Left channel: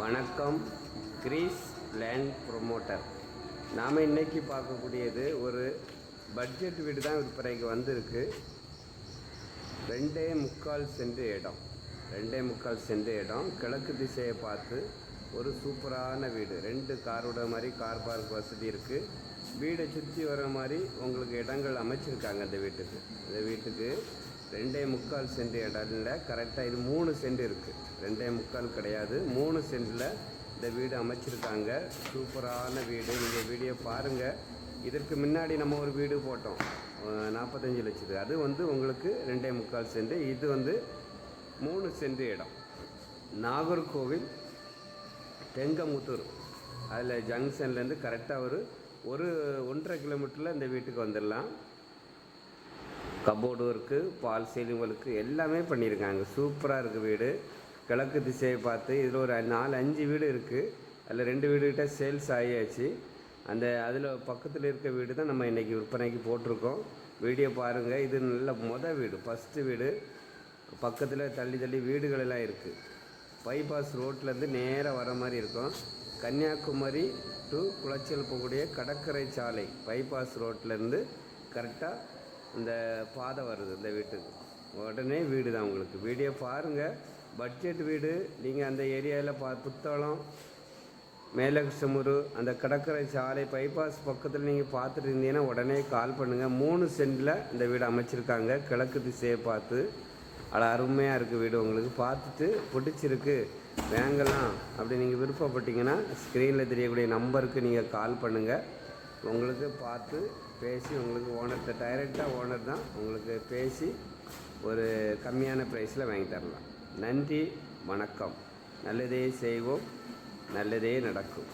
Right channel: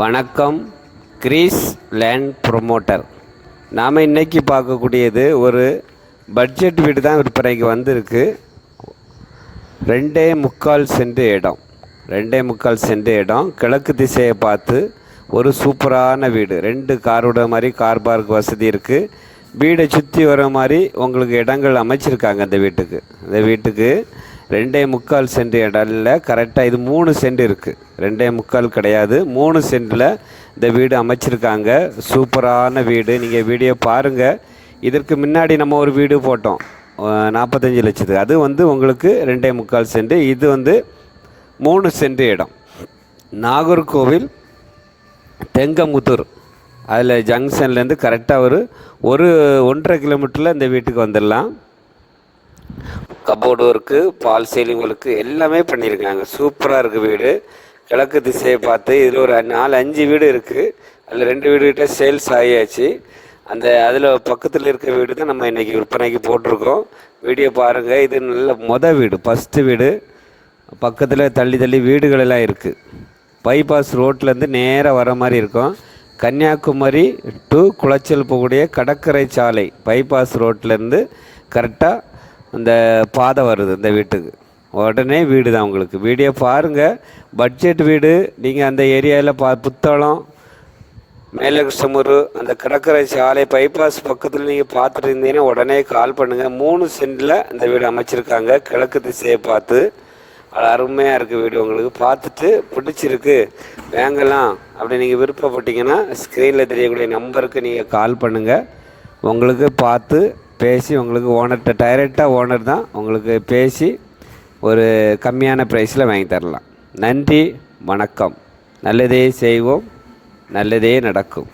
வணக்கம். Greece land promoter. நாம் இன்றைக்கி பார்க்கக்கூடியது ஒரு பட்ஜெட் வீடு தான் விற்பனைக்கு வந்திருக்கு. 2.25 சென்ட் இடம். 2.25 சென்ட் இடம் கிழக்கு திசையை பார்த்து ஒரு சூப்பரான வீடு. 2 கார் விட மாதிரி கார் பார்க் வசதி இருக்குது. வீடை சுற்றி வர மாதிரி உங்களுக்கு இடங்கள் அமைச்சிருக்காங்க. இந்த வீட்டுக்கு 2.25 சென்ட் இடம் இல்லை, கரெக்டாக இது 3 சென்ட் இருக்குது. 2.25 கிடையாது, 3 சென்டில் இந்த வீடு அமைச்சிருக்காங்க. சூப்பரான வீடு. நீங்கள் வீடியோ பாருங்கள். இதற்கு முன்னாடி நம்ம ஒரு வீடு போட்டோம் 45 லட்சத்துக்கு. அது உங்களுக்கு 2.25 சென்ட். இது 3 சென்ட் இடம். நாகர்கோவில் தெங்கமுத்தூர் அதில் ஜங்ஷன்லேருந்து கரெக்டாக ஒரு 1.5 கிலோமீட்டரில் இந்த வீட்டுக்கு வந்துடலாம். கபோர்டு ஒர்க்கு, பால் சீலிங் ஒர்க்கு எல்லாமே பண்ணியிருக்காங்க. சூப்பராக இருக்குது வீடு. கிழக்கு திசையை பார்த்து இதில் ஒரு 4-5 வீடு இருக்குது. அதில் 2 வீடுகிட்ட சேல்ஸ் ஆகியாச்சு. அதில் பக்கத்தில் இருக்க வீடு தான் நம்ம இன்றைக்கி விற்பனைக்கு போட்டிருக்கோம். வீடியோ பாருங்கள். இது நல்ல வீடு, ஃபஸ்ட்டு வீடு. பக்கத்தில் தள்ளி வீடுகள் எல்லாம் இருக்குது. பைபாஸ் ரோட்லேருந்து நேராக வர மாதிரி இருக்கும். கன்னியாகுமரி டு குளச்சல் போகக்கூடிய கடற்கரை சாலை பைபாஸ் ரோட்லேருந்து கரெக்டாக அந்த பாதை வருது இந்த வீட்டுக்கு. உடனே வீடு தான் உங்களுக்கு. வீடியோ பாருங்கள். பட்ஜெட் வீடு. நீங்கள் அந்த ஏரியாவில் புத்தளம், மேலகிருஷ்ணமூர், அந்த கடற்கரை சாலை பைபாஸ் பக்கத்தில் நீங்கள் பார்த்துட்டு இருந்தீங்கன்னா உடனே கால் பண்ணுங்கள். 3 சென்டில் இந்த வீடு அமைச்சிருக்காங்க. கிழக்கு திசையை பார்த்து அது அருமையாக இருக்குது வீடு. உங்களுக்கு பார்த்துட்டு பிடிச்சிருக்கு வாங்கலாம் அப்படி நீங்கள் விருப்பப்பட்டீங்கன்னா ஸ்க்ரீனில் தெரியக்கூடிய நம்பருக்கு நீங்கள் கால் பண்ணுங்கள். உங்களுக்கு பார்த்து பேசி உங்களுக்கு ஓனர்கிட்ட டைரெக்டாக ஓனர் தான் உங்களுக்கு பேசி ஒரு கம்மியான ப்ரைஸில் வாங்கி தரலாம். நன்றி, வணக்கம். நல்லதே செய்வோம், நல்லதே நடக்கும்.